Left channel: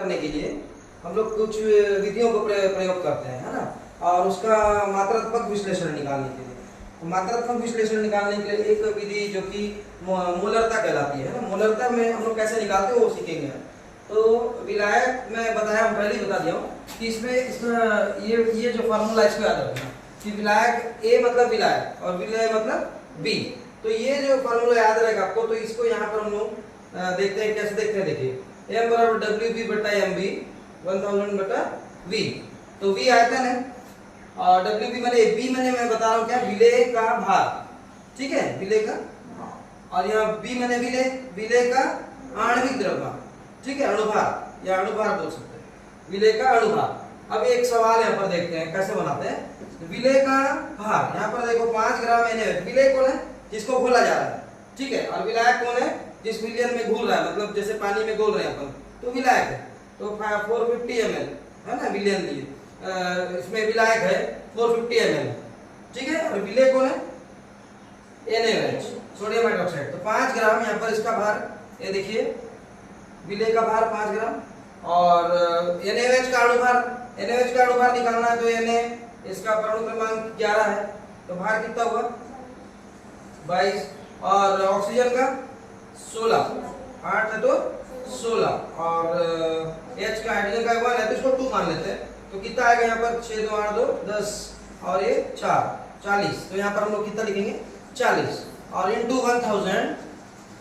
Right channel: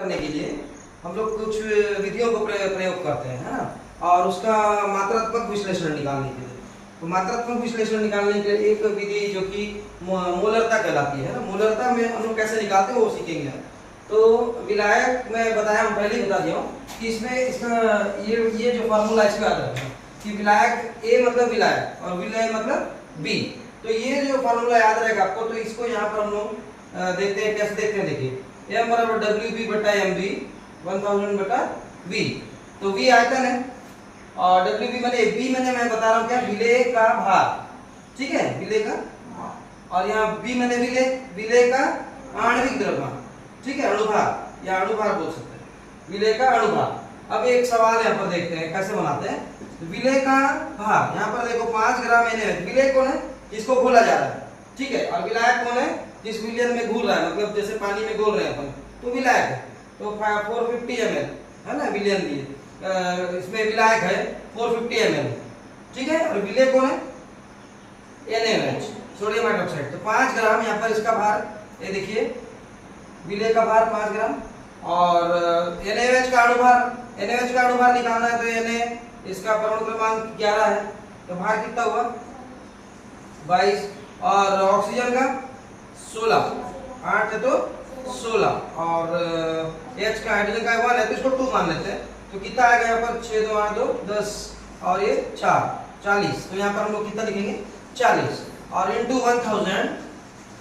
करने के लिए हम लोग कुछ विधियों को प्रयोग करते हैं, है ना। और उसका मात्रात्मक विश्लेषण निकालने के लिए, तो मात्रात्मक विश्लेषण निकालने के लिए एक विधि जो कि मोलरता कहलाती है ना। मोलरता में हम लोग कैसे निकालते हैं वो सीखेंगे। तो विलायक मैं बताया, हम पहले ही बता दिया हूँ कि इसका ये जो फार्मूला इसको याद रखना कि विलायक ए मतलब विलायक और विलय मतलब बी। तो ये जो फार्मूला याद रहेगा आपको, तो इसको यहाँ पर हम लोग देखते हैं, कैसे देखते हैं। देखिए m बराबर WB बटा MB 1000 बटा V। तो V आयतन है और WB मैंने B मैंने मैं बता रहा हूँ क्या, विलेय का भार, ठीक है, विलेय का। और यहाँ B मैंने विलेय का आणविक द्रव्यमान, ठीक है, अणुभार या अणुभार बोल सकते हैं, विलेय का अणुभार। अब एक सवाल यहाँ पर देखते हैं कैसे बनाते हैं। विलेय का भार, यहाँ पर देखो 5 ग्राम NaOH। विलेय कौन है, जिसको घोला जा रहा है, ठीक है, और विलायक कौन है, जिस विलयन में घुल रहा है, मतलब जैसे पानी में घोल रहे हैं अपन, तो विलायक है। तो 450 ml है ना विलयन लिए, इसमें विलायक है 450 ml, ठीक है। और विलेय कौन है, NaOH, सोडियम हाइड्रोक्साइड। तो 5 ग्राम यहाँ पर इसका भार, ये देखिए विलेय का भार 5 ग्राम और NaOH का अणुभार, NaOH का अणुभार निकालना है तो Na इसका परमाणु क्रमांक 11 है, तो भार कितना हुआ 22। और ऑक्सीजन का 16, 8 है तो 16 और H का हाइड्रोजन का 1 है तो इसको 2 मान लेते हैं। तो कितना आएगा यहाँ पर 6 2 8 2 10 और ये 4 40। तो यहाँ पर हम लोग कितना लिखेंगे 40 और इंटू 1000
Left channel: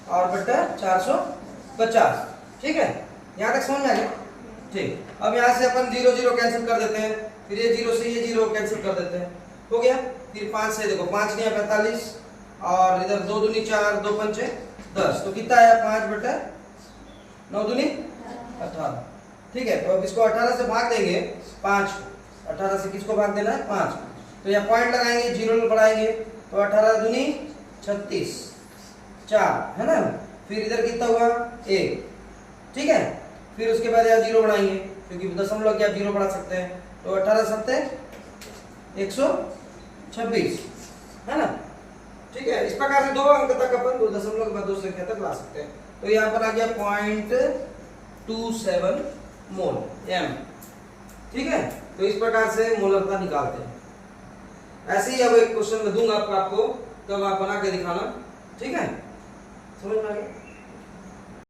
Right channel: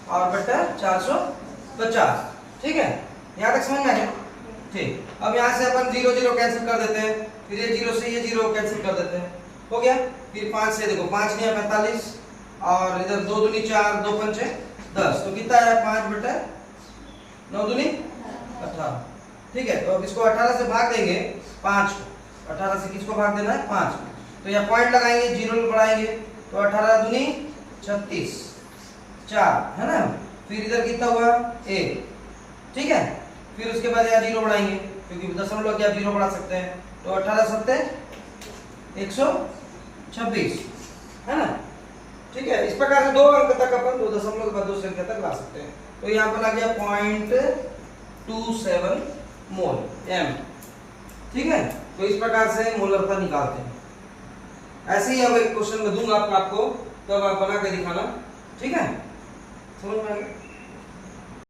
और बटा 450, ठीक है। यहाँ तक समझ में आ गया, ठीक। अब यहाँ से अपन 0 0 कैंसिल कर देते हैं, फिर ये 0 से ये 0 कैंसिल कर देते हैं, हो गया। फिर 5 से देखो 5 नहीं 45 और इधर 2 दूनी 4 2 पंचे 10, तो कितना है 5 बटा 9 दूनी 18, ठीक है। तो अब इसको 18 से भाग देंगे 5, 18 से किसको भाग देना है 5, तो यहाँ पॉइंट लगाएंगे, 0 बढ़ाएंगे तो 18 दूनी 36 4, है ना। फिर इधर कितना हुआ 1, ठीक है। फिर उसके बाद यहाँ 0 बढ़ाएंगे क्योंकि दशमलव के आप 0 बढ़ा सकते हैं, तो 18 सत्ते 126, है ना, ठीक है। इस प्रकार से 2 अंक तक अपन 2 दशमलव के बाद 2 संख्या तक ला सकते हैं। तो यहाँ पर आ गया 0.27 मोल m, ठीक है। तो इस प्रकार से मोलरता निकालते हैं। ऐसे ही अब एक क्वेश्चन में दूंगा आपको, तब आप बना के दिखाना, ठीक है। समझ में आ गया।